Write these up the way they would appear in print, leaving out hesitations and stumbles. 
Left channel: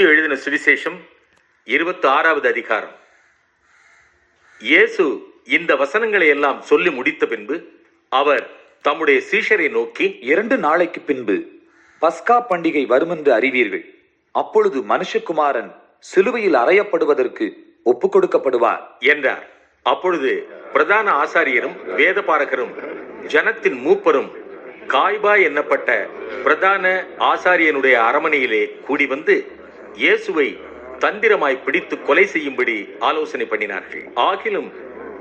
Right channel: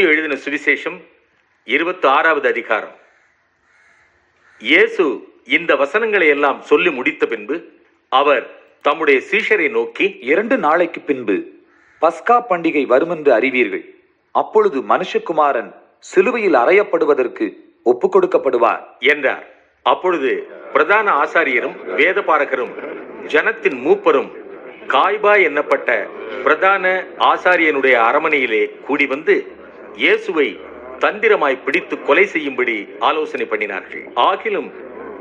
எழுதின சுவிசேஷம் 26வது அதிகாரம். இயேசு இந்த வசனங்களை எல்லாம் சொல்லி முடித்த பின்பு அவர் தம்முடைய சீஷரை நோக்கி, 2 நாளைக்கு பின்பு பஸ்கா பண்டிகை வருமென்று அறிவீர்கள். அப்பொழுது மனுஷகுமாரன் சிலுவையில் அறையப்படுவதற்கு ஒப்புக் கொடுக்கப்படுவார் என்றார். அப்பொழுது பிரதான ஆசாரியரும் வேதபாரகரும் ஜனத்தின் மூப்பரும் காய்பா என்னப்பட்ட பிரதான ஆசாரியனுடைய அரமனையிலே கூடி வந்து இயேசுவை தந்திரமாய் பிடித்து கொலை செய்யும்படி ஆலோசனை பண்ணினார்கள். ஆகிலும்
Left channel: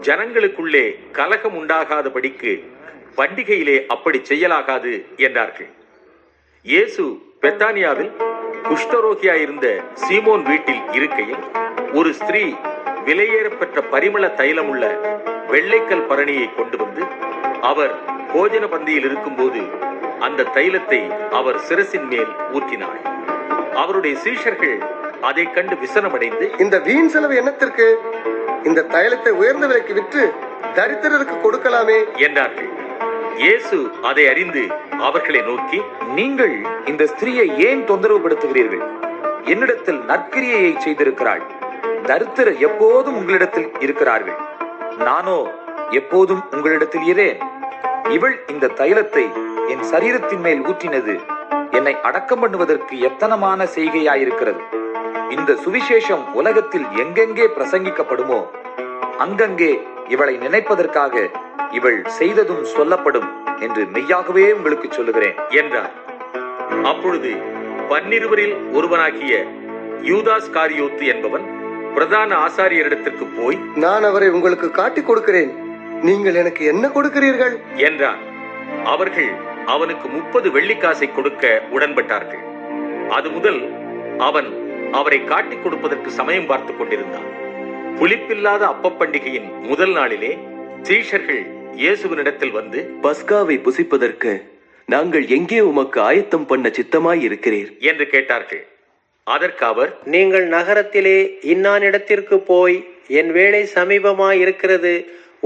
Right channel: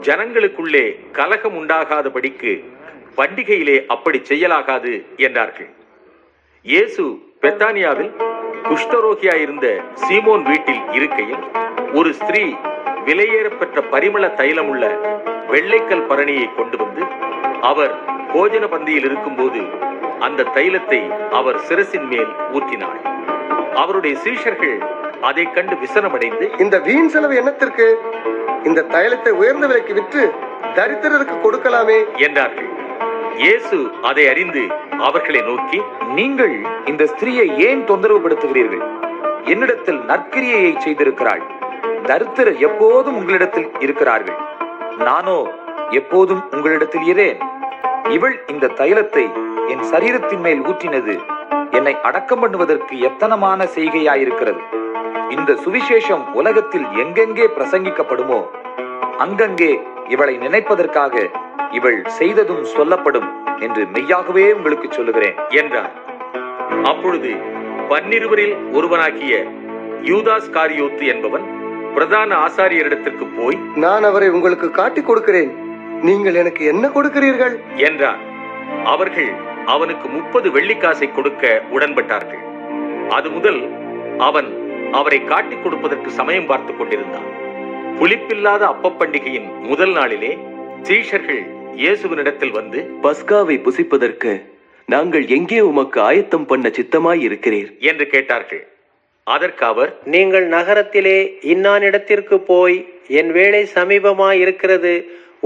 ஜனங்களுக்குள்ளே கலகம் உண்டாகாதபடிக்கு பண்டிகையிலே அப்படி செய்யலாகாது என்றார்கள். இயேசு பெத்தானியாவில் குஷ்டரோகியாயிருந்த சீமோன் வீட்டில் இருக்கையில் ஒரு ஸ்திரீ விலையேறப்பெற்ற பரிமள தைலமுள்ள வெள்ளைக்கல் பரணியை கொண்டு வந்து அவர் போஜன பந்தியில் இருக்கும்போது அந்த தைலத்தை அவர் சிரசின் மேல் ஊற்றினார். அவருடைய சீஷர்கள் அதை கண்டு விசனமடைந்து, இந்த வீண் செலவு என்னத்திற்கு? இந்த தைலத்தை உயர்ந்த விலைக்கு விற்று தரித்திரருக்கு கொடுக்கலாமே என்றார்கள். இயேசு அதை அறிந்து அவர்களை நோக்கி, நீங்கள் இந்த ஸ்திரீயை ஏன் தொந்தரவு படுத்துகிறீர்கள்? என்னிடத்தில் நற்கிரியையை செய்திருக்கிறாள். தரித்திரர் எப்போதும் உங்களிடத்தில் இருக்கிறார்கள், நானோ எப்போதும் உங்களிடத்தில் இரேன். இவள் இந்த தைலத்தை என் சரீரத்தின் மேல் ஊற்றினது என்னை அடக்கம் பண்ணுவதற்கு எத்தனமான செய்கையாயிருக்கிறது. இந்த சுவிசேஷம் உலகத்தில் எங்கெங்கே பிரசங்கிக்கப்படுமோ அங்கங்கே இவளை நினைப்பதற்காக இவள் செய்ததும் சொல்லப்படும் என்று மெய்யாகவே உங்களுக்கு சொல்லுகிறேன் என்றார். அப்பொழுது 12 ஒருவனாகிய யூதாஸ் காரியோத்து என்பவன் பிரதான ஆசாரியரிடத்திற்கு போய், நான் அவரை உங்களுக்கு காட்டிக் கொடுக்கிறேன், நீங்கள் எனக்கு என்ன கொடுக்கிறீர்கள் என்றான். அவர்கள் அவனுக்கு 30 வெள்ளிக்காசை கொடுக்க உடன்பட்டார்கள். அது முதல் அவன் அவரை காட்டிக் கொடுப்பதற்கு சமயம் பார்த்து கொண்டிருந்தான். புளிப்பில்லாத அப்பப்பண்டிகையின் முதல் நாளிலே சீஷர்கள் இயேசுவினிடத்தில் வந்து, பஸ்காவை புசிப்பதற்கு நாங்கள் எங்கே உமக்கு ஆயத்தம் பண்ண சித்தமாய் இருக்கிறீர் என்று கேட்டார்கள். அதற்கு அவர், நீங்கள் நகரத்திலே இன்னானிடத்திற்கு போய், என் வேலை சமீபமாய் இருக்கிறது,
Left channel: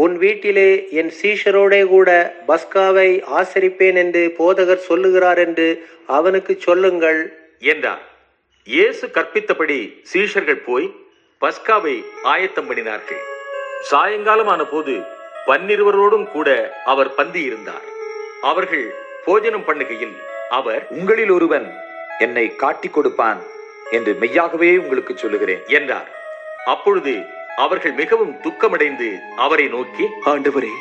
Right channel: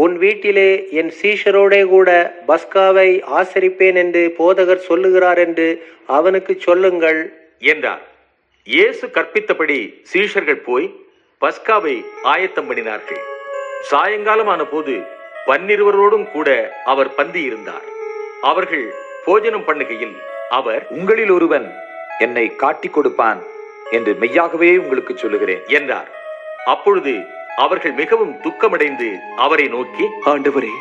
உன் வீட்டிலே என் சீஷரோடே கூட பஸ்காவை ஆசரிப்பேன் என்று போதகர் சொல்லுகிறார் என்று அவனுக்கு சொல்லுங்கள் என்றார். இயேசு கற்பித்தபடி சீஷர்கள் போய் பஸ்காவை ஆயத்தம் பண்ணினார்கள். சாயங்காலமான போது 12 கூட அவர் பந்தி இருந்தார். அவர்கள் போஜனம் பண்ணுகையில் அவர், உங்களில் ஒருவன் என்னை காட்டிக் கொடுப்பான் என்று மெய்யாகவே உங்களுக்கு சொல்லுகிறேன் என்றார். அப்பொழுது அவர்கள் மிகவும் துக்கமடைந்து அவரை நோக்கி, ஆண்டவரே,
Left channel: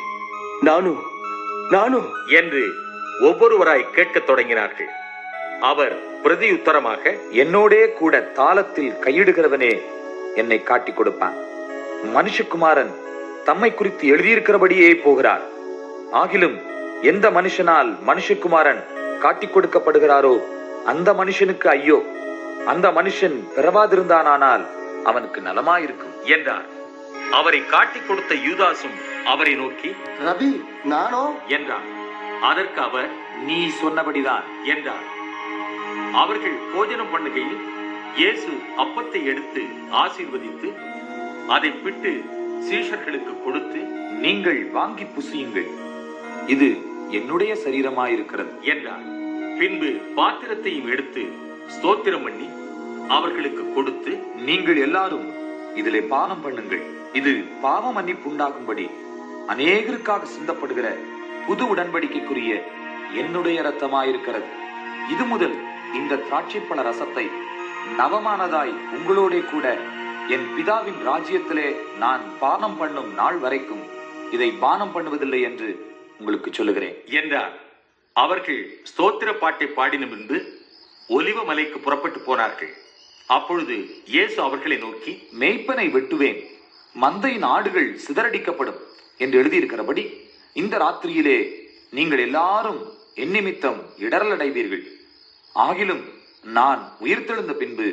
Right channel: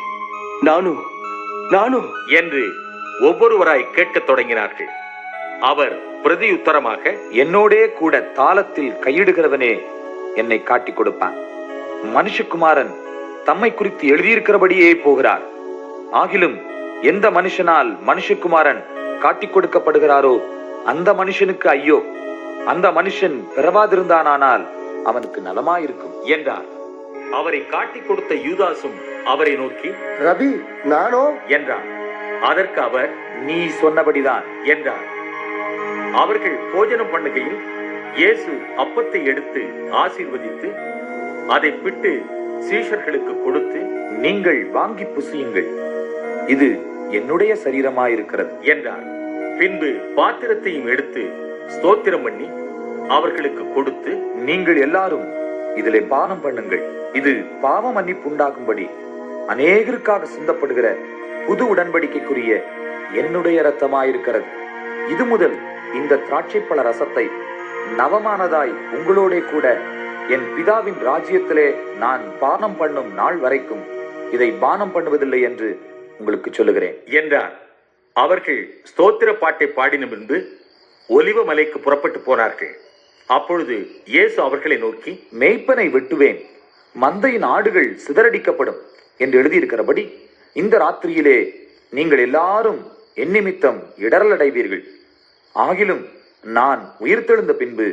நானோ என்று ஒவ்வொருவராய் கேட்கத் தொடங்கினார்கள். அவர் பிரதியுத்தரமாக, என்னோடே கூட தாளத்தில் கையிடுகிறவனே என்னை காட்டிக் கொடுப்பான். மனுஷகுமாரன் தம்மை குறித்து எழுதியிருக்கிறபடியே போகிறார். ஆகிலும் எந்த மனுஷனால் மனுஷகுமாரன் காட்டிக் கொடுக்கப்படுகிறாரோ அந்த மனுஷனுக்கு ஐயோ! அந்த மனுஷன் பிறவாதிருந்தானால் அவனுக்கு நலமாயிருக்கும் என்றார். அவரை காட்டிக் கொடுத்த யூதாசும் அவரை நோக்கி, ரபி, நானோ என்றார். அதற்கு அவர், நீ சொன்னபடிதான் என்றார். அவர்கள் போஜனம் பண்ணுகையில் இயேசு அப்பத்தை எடுத்து ஆசீர்வதித்து அதை பிட்டு சீஷர்களுக்கு கொடுத்து, நீங்கள் வாங்கி புசியுங்கள், இது என்னுடைய சரீரமாயிருக்கிறது என்றார். பின்பு பாத்திரத்தையும் எடுத்து ஸ்தோத்திரம் பண்ணி அவர்களுக்கு கொடுத்து, நீங்கள் எல்லாரும் இதிலே பானம் பண்ணுங்கள், இது பாவ மன்னிப்பு உண்டாகும்படி அநேகருக்காக சிந்தப்படுகிற புது உடன்படிக்கைக்குரிய என்னுடைய இரத்தமாயிருக்கிறது. இது முதல் இந்த திராட்சைப்பழ ரசத்தை நவமானதாய் உங்களோட கூட என் பிதாவின் ராஜ்யத்திலே நான் பானம் பண்ணும் நாள் வரைக்கும் இதை பானம் பண்ணுவதில்லை என்று உங்களுக்கு சொல்லுகிறேன் என்றார். அவர்கள் ஸ்தோத்திர பாட்டை பாடின பின்பு ஒலிவ மலைக்கு புறப்பட்டு போனார்கள். அப்பொழுது இயேசு அவர்களை நோக்கி, மேய்ப்பனை வெட்டுவேன், மந்தையின் ஆடுகள் சிதறடிக்கப்படும் என்று எழுதியிருக்கிறபடி இந்த ராத்திரியிலே நீங்கள் எல்லாரும் என் நிமித்தம் இடரல் அடைவீர்கள். ஆகிலும் நான் உயிர்த்தெழுந்த பின்பு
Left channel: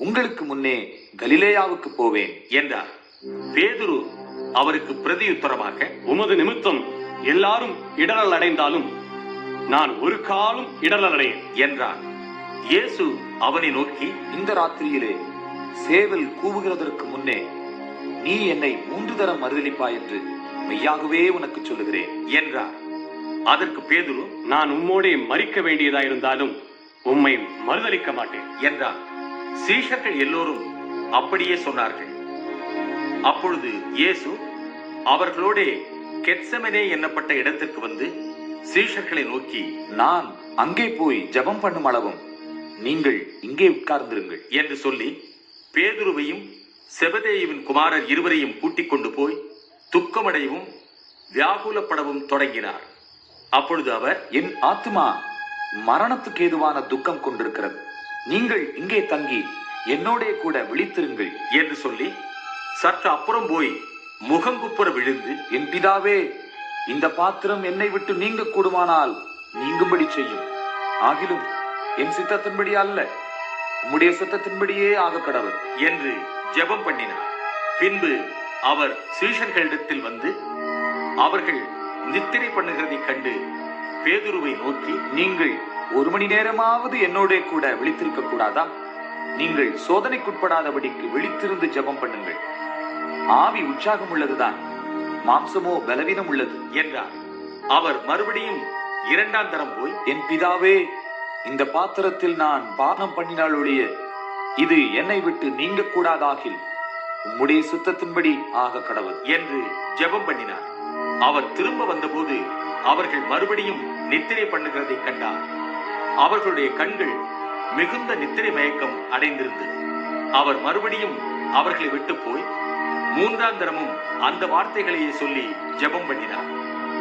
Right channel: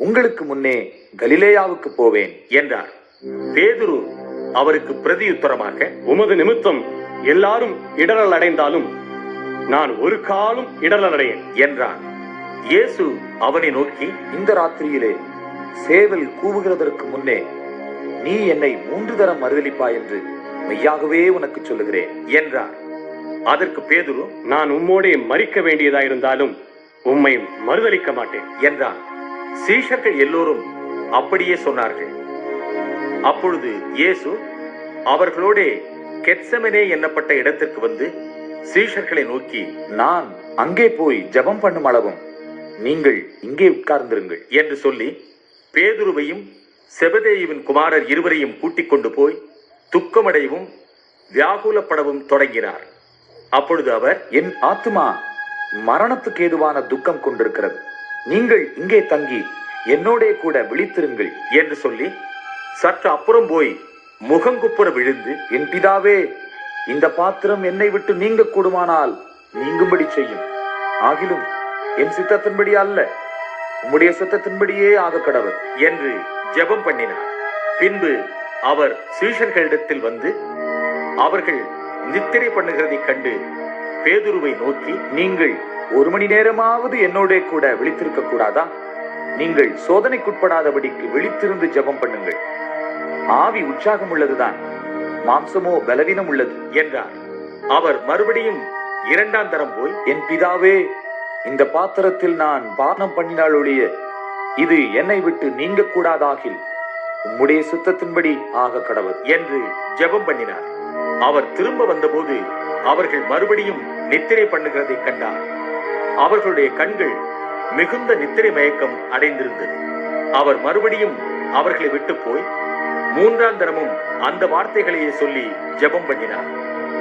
உங்களுக்கு முன்னே கலிலேயாவுக்கு போவேன் என்றார். பேதுரு அவருக்கு பிரதியுத்தரமாக, உமது நிமித்தம் எல்லாரும் இடரல் அடைந்தாலும் நான் ஒரு காலும் இடரல் அடையேன் என்றார். இயேசு அவனை நோக்கி, இந்த ராத்திரியிலே சேவல் கூவுகிறதற்கு முன்னே நீ என்னை 3 தரம் மறுதலிப்பாய் என்று மெய்யாகவே உனக்கு சொல்லுகிறேன் என்றார். அதற்கு பேதுரு, நான் உம்மோடே மரிக்க வேண்டியதாயிருந்தாலும் உம்மை மறுதலிக்க மாட்டேன் என்றான். சீஷர்கள் எல்லோரும் அப்படியே சொன்னார்கள். அப்பொழுது இயேசு அவர்களோடே கெத்செமனே என்னப்பட்ட இடத்திற்கு வந்து சீஷர்களை நோக்கி, நான் அங்கே போய் ஜெபம் பண்ணும் அளவும் நீங்கள் இங்கே உட்கார்ந்திருங்கள் என்று சொல்லி பேதுருவையும் செபதேயுவின் குமாரர் இருவரையும் கூட்டிக் கொண்டு போய் துக்கமடையவும் வியாகுலப்படவும் தொடங்கினார். அப்பொழுது அவர், என் ஆத்துமா மரணத்துக்கு ஏதுவான துக்கம் கொண்டிருக்கிறது, நீங்கள் இங்கே தங்கி என்னோடே கூட விழித்திருங்கள் என்று சொல்லி சற்று அப்புறம் போய் முகங்குப்புற விழுந்து, என் பிதாவே, இந்த பாத்திரம் என்னை விட்டு நீங்க கூடுமானால் நீங்கும்படி செய்யும். ஆகிலும் என் சித்தத்தின்படி அல்ல, உம்முடைய சித்தத்தின்படியே ஆக கடவுள் என்று ஜெபம் பண்ணினார். பின்பு அவர் சீஷர்களிடத்தில் வந்து அவர்கள் நித்திரை பண்ணுகிறதைக் கண்டு பேதுருவை நோக்கி, நீங்கள் 1 மணி நேரமாவது என்னோட கூட விழித்திருக்க கூடாதா? நீங்கள் சோதனைக்குட்படாதபடிக்கு விழித்திருந்து ஜெபம் பண்ணுங்கள். ஆவி உற்சாகம் உள்ளதுதான், மாம்சமோ பலவீனம் உள்ளது என்றார். அவர் மறுபடியும் 2ஆம் தரம் போய், என் பிதாவே, இந்த பாத்திரத்தில் நான் பானம் பண்ணினால் ஒழிய இது என்னை விட்டு நீங்க கூடாதாகில் உம்முடைய சித்தத்தின்படி ஆக கடவுள் என்று ஜெபம் பண்ணினார். அவர் திரும்ப வந்தபோது அவர்கள் மறுபடியும் நித்திரை பண்ணுகிறதை கண்டார். அவர்களுடைய கண்கள் மிகுந்த நித்திரை மயக்கம் அடைந்திருந்தது. அவர் மறுபடியும் அவர்களை விட்டு போய் 3ஆம் தரமும் அந்த வார்த்தைகளையே சொல்லி ஜெபம் பண்ணினார்.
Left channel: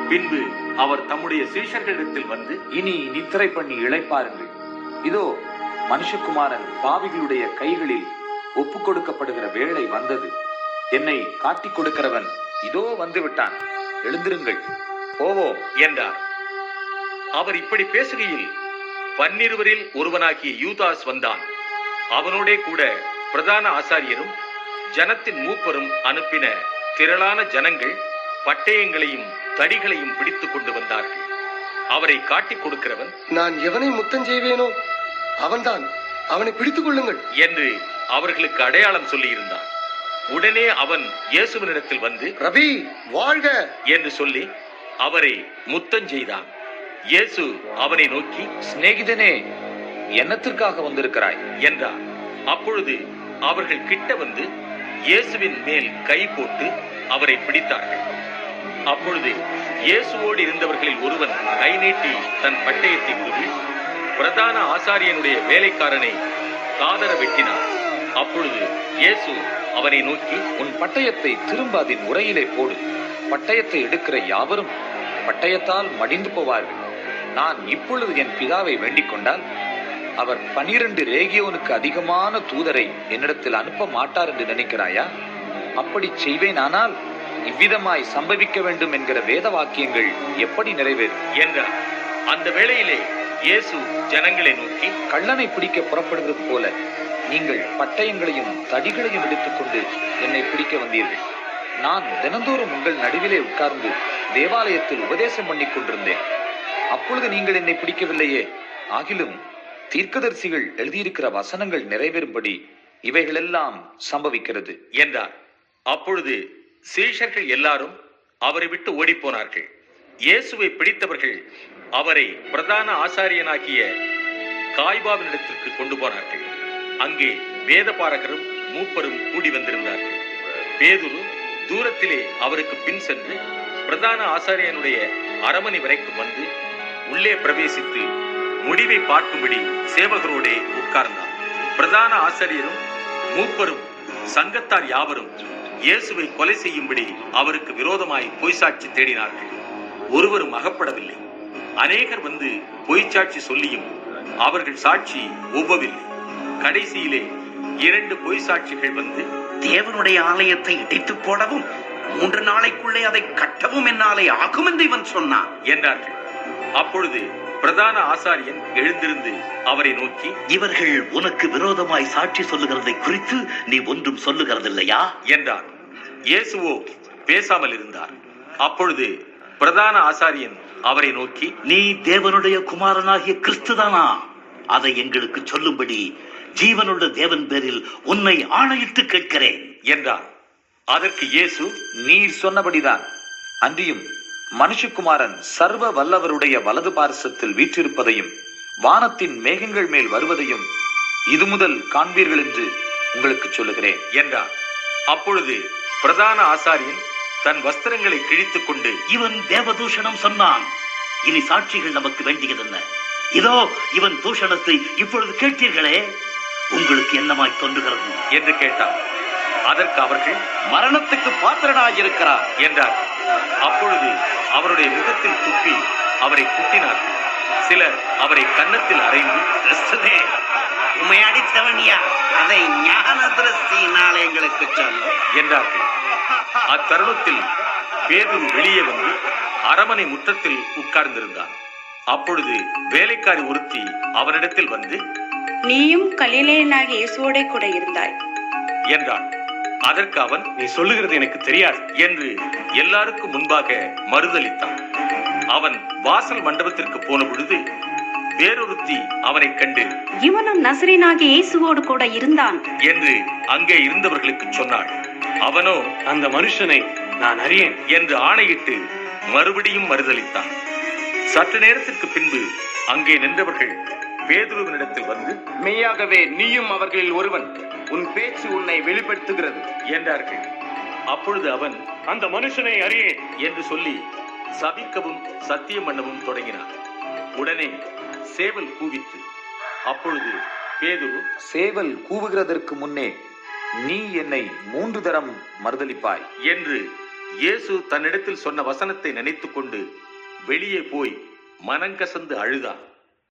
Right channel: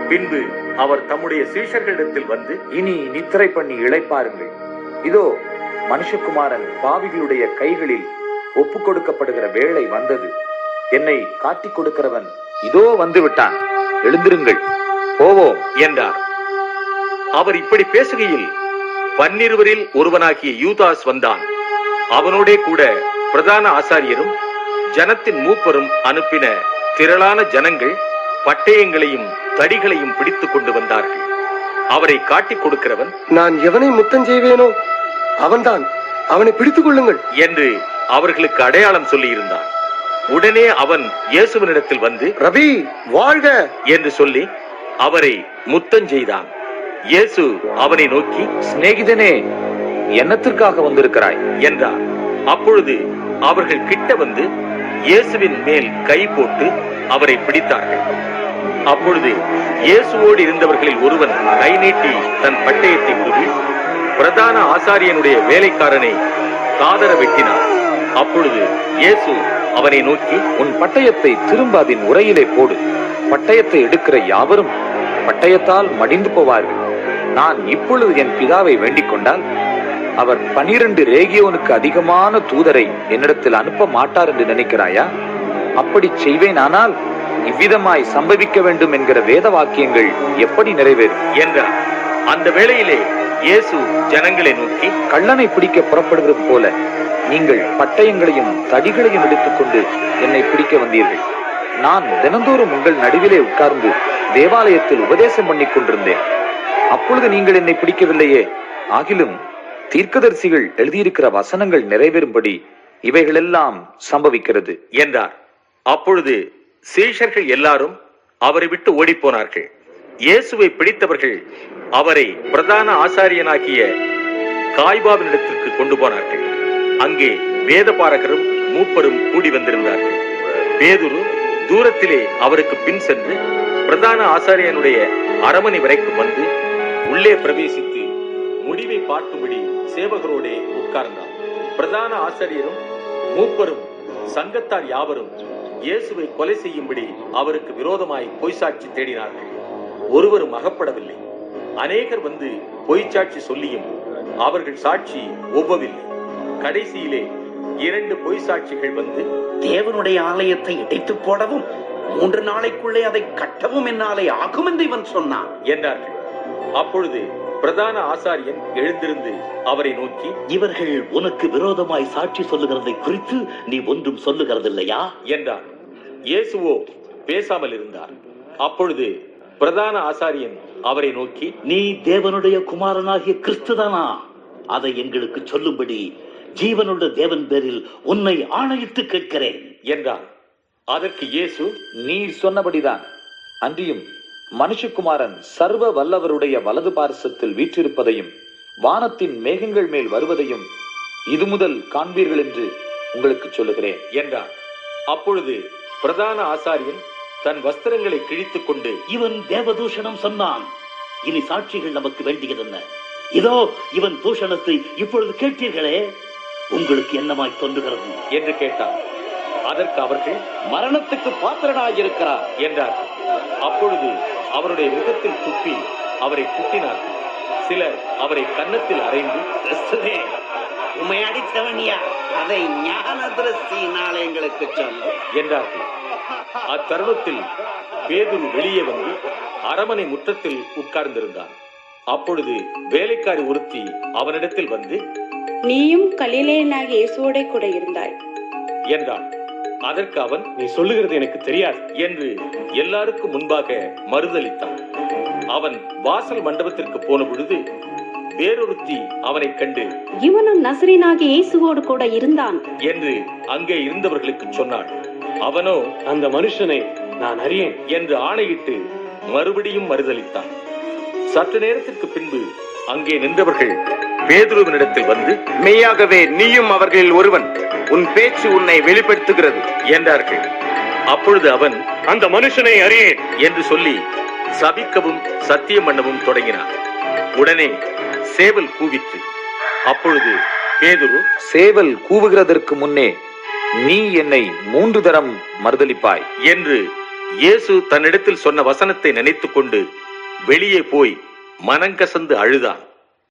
பின்பு அவர் தம்முடைய சீஷர்களிடத்தில் வந்து, இனி நித்திரை பண்ணி இளைப்பாருங்கள். இதோ மனுஷகுமாரன் பாவிகளுடைய கைகளில் ஒப்பு கொடுக்கப்படுகிற வேளை வந்தது. என்னை காட்டிக் கொடுக்கிறவன் இதோ வந்து விட்டான், எழுந்திருங்கள், போவோம் என்றார். அவர் இப்படி பேசுகையில் 12 ஒருவனாகிய யூதாஸ் வந்தான். அவனோடே கூட பிரதான ஆசாரியரும் ஜனத்தின் மூப்பரும் அனுப்பின திரளான ஜனங்கள் பட்டயங்களையும் தடிகளையும் பிடித்துக் கொண்டு வந்தார்கள். அவரை காட்டிக் கொடுக்கிறவன், நான் எவனை முத்தம் செய்வேனோ அவன்தான், அவனை பிடித்துக் கொள்ளுங்கள் என்று அவர்களுக்கு அடையாளம் சொல்லி இருந்தான். உடனே அவன் இயேசுவினிடத்தில் வந்து, ரவி வாழ்க என்று சொல்லி அவரை முத்தம் செய்தான். இயேசு அவனை நோக்கி, சிநேகிதனே, என்னத்திற்காக வந்திருக்கிறாய் என்றார். அப்பொழுது அவர்கள் கிட்ட வந்து இயேசுவின் மேல் கை போட்டு அவரை பிடித்தார்கள். அப்பொழுது இயேசுவோடு இருந்தவர்களில் ஒருவன் கை நீட்டி தன் பட்டயத்தை கூறி பிரதான ஆசாரியனுடைய வேலைக்காரனை காதர வெட்டினார். அப்பொழுது இயேசு அவனை நோக்கி, உன் பட்டயத்தை திரும்ப அதன் உரையிலே போடு. பட்டயத்தை எடுக்கிற யாவரும் பட்டயத்தால் மடிந்து போவார்கள். நான் இப்பொழுது என் பிதாவை வேண்டிக் கொண்டால் அவர் 12 ரேகியோனுக்கு அதிகமான தூதரை என்னிடத்தில் அனுப்ப மாட்டார் என்று நினைக்கிறாயா? அப்படி செய்வேனானால் இவ்விதமாய் சம்பவிக்க வேண்டும் என்கிற வேத வாக்கியங்கள் எப்படி நிறைவேறும் என்றார். அந்த வேளையிலே இயேசு ஜனங்களை நோக்கி, கள்ளனை பிடிக்க புறப்படுகிறது போல நீங்கள் பட்டயங்களையும் தடிகளையும் எடுத்துக்கொண்டு என்னை பிடிக்க வந்தீர்கள். நான் தினந்தோறும் உங்கள் நடுவிலே உட்கார்ந்து தேவாலயத்தில் உபதேசம் பண்ணி கொண்டிருந்தேன். அப்பொழுது நீங்கள் என்னை பிடிக்கவில்லையே. ஆகிலும் தீர்க்கதரிசிகள் எழுதியிருக்கிற வசனங்கள் நிறைவேறும்படி இவைகளெல்லாம் சம்பவிக்கிறது என்றார். அப்பொழுது சீஷர்கள் எல்லாரும் அவரை விட்டு ஓடிப்போனார்கள். இயேசுவை பிடித்தவர்கள் அவரை பிரதான ஆசாரியனாகிய காய்பாவினிடத்திற்கு கொண்டு போனார்கள். அங்கே வேதபாரகரும் மூப்பரும் கூடி வந்திருந்தார்கள். பேதுரு தூரத்திலே அவருக்கு பின் சென்று பிரதான ஆசாரியனுடைய அரமனை வரைக்கும் வந்து உள்ளே பிரவேசித்து முடிவை பார்க்கும்படி சேவகரோடே உட்கார்ந்தார். பிரதான ஆசாரியரும் மூப்பரும் சங்கத்தார் யாவரும் இயேசுவை கொலை செய்யும்படி அவருக்கு விரோதமாய் பொய்சாட்சி தேடினார்கள். ஒருவரும் அகப்படவில்லை. அநேகர் வந்து பொய்ச்சாட்சி சொல்லியும் அவர்கள் சாட்சி ஒவ்வவில்லை. கடைசியிலே 2 பொய்சாட்சிகள் வந்து, தேவனுடைய ஆலயத்தை இடித்து போடவும் 3 நாளைக்குள்ளே அதை கட்டவும் என்னாலே ஆகும் என்று இவன் சொன்னான் என்றார்கள். அப்பொழுது பிரதான ஆசாரியன் எழுந்திருந்து அவரை நோக்கி, இவர்கள் உனக்கு விரோதமாய் சாட்சி சொல்லுகிறதை குறித்து நீ ஒன்றும் சொல்லுகிறதில்லையா என்றார். இயேசுவோ பேசாமல் இருந்தார். அப்பொழுது பிரதான ஆசாரியன் அவரை நோக்கி, நீ தேவனுடைய குமாரனாகிய கிறிஸ்துதானா? அதை எங்களுக்கு சொல்லும்படி ஜீவனுள்ள தேவன் பேரில் உன்னை ஆணையிட்டு கேட்கிறேன் என்றார். அதற்கு இயேசு, நீர் சொன்னபடிதான். அன்றியும் மனுஷகுமாரன் சர்வ வல்லவருடைய வலது பார்சத்தில் வீற்றிருப்பதையும் வானத்தின் மேகங்கள் மேல் வருவதையும் இது முதல் காண்பீர்கள் என்று உங்களுக்கு சொல்லுகிறேன் என்றார். அப்பொழுது பிரதான ஆசாரியன் தன் வஸ்திரங்களை கிழித்துக் கொண்டு, இவன் தேவதூஷணம் சொன்னான். இனி சாட்சிகள் நமக்கு வேண்டியதென்ன? இதோ இவன் தூஷணத்தை இப்பொழுது கேட்டீர்களே, உங்களுக்கு என்னமாய் தோன்றுகிறது என்று கேட்டார். அதற்கு அவர்கள், மரணத்துக்கு பாத்திரனாயிருக்கிறார் என்றார்கள். அப்பொழுது அவருடைய முகத்தில் துப்பி அவரை குத்தினார்கள். சிலர் அவரை கன்னத்தில் அறைந்து, கிறிஸ்துவே, உம்மை அடித்தவனியா? அதை ஞான திருஷ்டியினால் எங்களுக்கு சொல்லு என்றார்கள். அத்தருணத்தில் பேதுரு வெளியே வந்து அரமனை முற்றத்தில் உட்கார்ந்திருந்தான். அப்பொழுது வேலைக்காரி ஒருத்தி அவனிடத்தில் வந்து, நீயும் கலிலேயனாகிய இயேசுவோடே கூட இருந்தாய் என்றான். அதற்கு அவன், நீ சொல்லுகிறது எனக்கு தெரியாது என்று எல்லாருக்கும் முன்பாக மறுதலித்தான். அவன் வாசல் மண்டபத்திற்கு போன பொழுது வேறொருத்தி அவனை கண்டு, இவனும் நசரேயனாகிய இயேசுவோடு கூட இருந்தான் என்று அங்கே இருந்தவர்களுக்கு சொன்னாள். அவனோ, அந்த மனுஷனை நான் அறியேன் என்று ஆணையிட்டு மறுபடியும் மறுதலித்தான். சற்று நேரத்திற்கு பின்பு அங்கே நின்றவர்கள் பேதுருவினிடத்தில் வந்து, மெய்யாகவே நீயும் அவர்களில் ஒருவன், உன் பேச்சு உன்னை வெளிப்படுத்துகிறது என்றார்கள். அப்பொழுது அவன், அந்த மனுஷனை அறியேன் என்று சொல்லி சபிக்கவும் சத்தியம் பண்ணவும் தொடங்கினான். உடனே சேவல் கூவிற்று. அப்பொழுது பேதுரு, சேவல் கூவுகிறதற்கு முன்னே நீ என்னை 3 தரம் மறுதலிப்பாய் என்று இயேசு தன்னிடத்தில் சொன்ன வசனத்தை நினைத்துக் கொண்டு வெளியே போய் மனங்கசந்து அழுதான்.